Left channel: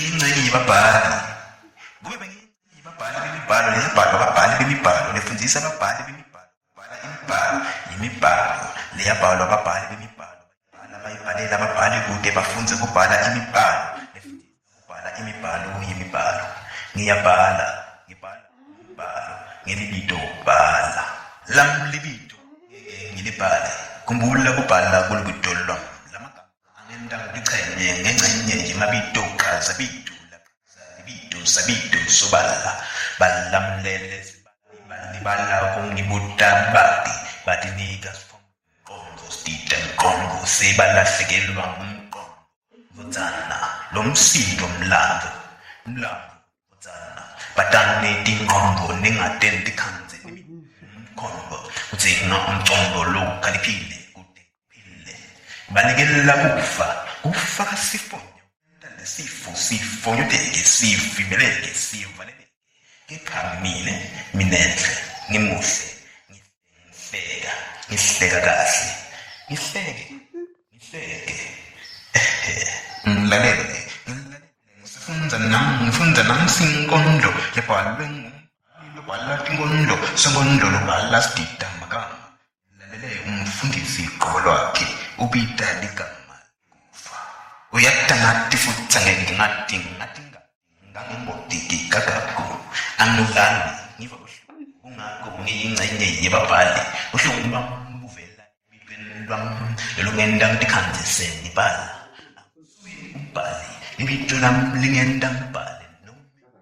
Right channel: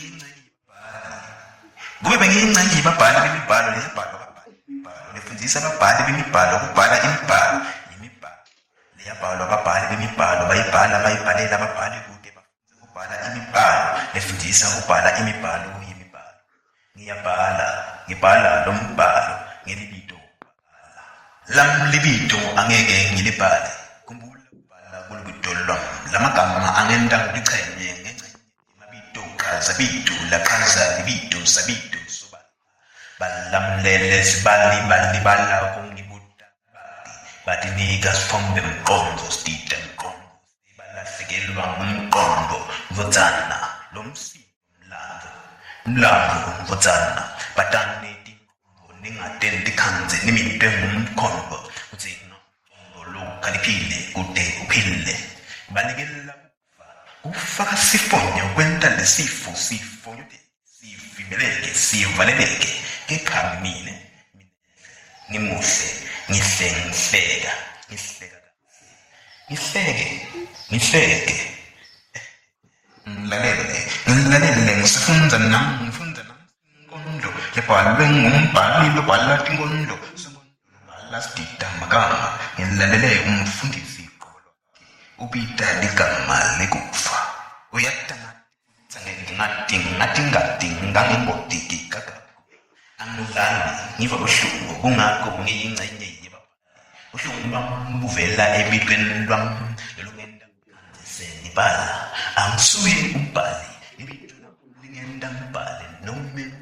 bengiyingcenye yababhali. Kube bengiyingcenye yababhali bemibhalo leyabhalwa ababhali bemibhalo lefundisa ababhali bemibhalo ukubhala imibhalo leyabhalwa ababhali bemibhalo bayibhalela ababhali kude bafunze ukubhala imibhalo lefundisa ukubhala imibhalo kuyimibhalo. Ngibhala lo mbhalo ngelibito bhala. Lam libito angeke ngilibhale. Kumbula kubhala kulibito lwam. Lamagama angenta ngichenye ngengcenye yemabito qaza bito laqhaza libito sabito sobala. Balamlele sibali balibala kungibuta bati. Batinika sifombe mqondo stita mqondo sebalahlekelwa ngumqondo vudzana lo msindo mlambo vudzana batane tinqondo ningatenti khanze niminte ngumkhombo udzinga umcombo lo khaliphile kude uphile banikela kufa kasifonyo kwenta lesifo sifonyoteke sifimeleke sivaleleke ngikhamile minenhle ngimuhle ngihleka kahle ngihleke ngilalele ngifunda nami sinkondlo yabhalwe ngumbhali lobhala tinkondlo sonkondlo lobhala sidida magama ngilalele umfundisi qobo lwakhe ubita ligama lekufa uyatangati futhi ngati ngangengotiki kakaku angilani ngiva ubuhlungu kungakho ngiyingcenye yababhali ubuhlungu bam buvela ebitweni lwam lolungenda ngikhanzise ngibhala angisuye umbhali ibito lami lingenda ngibhale noma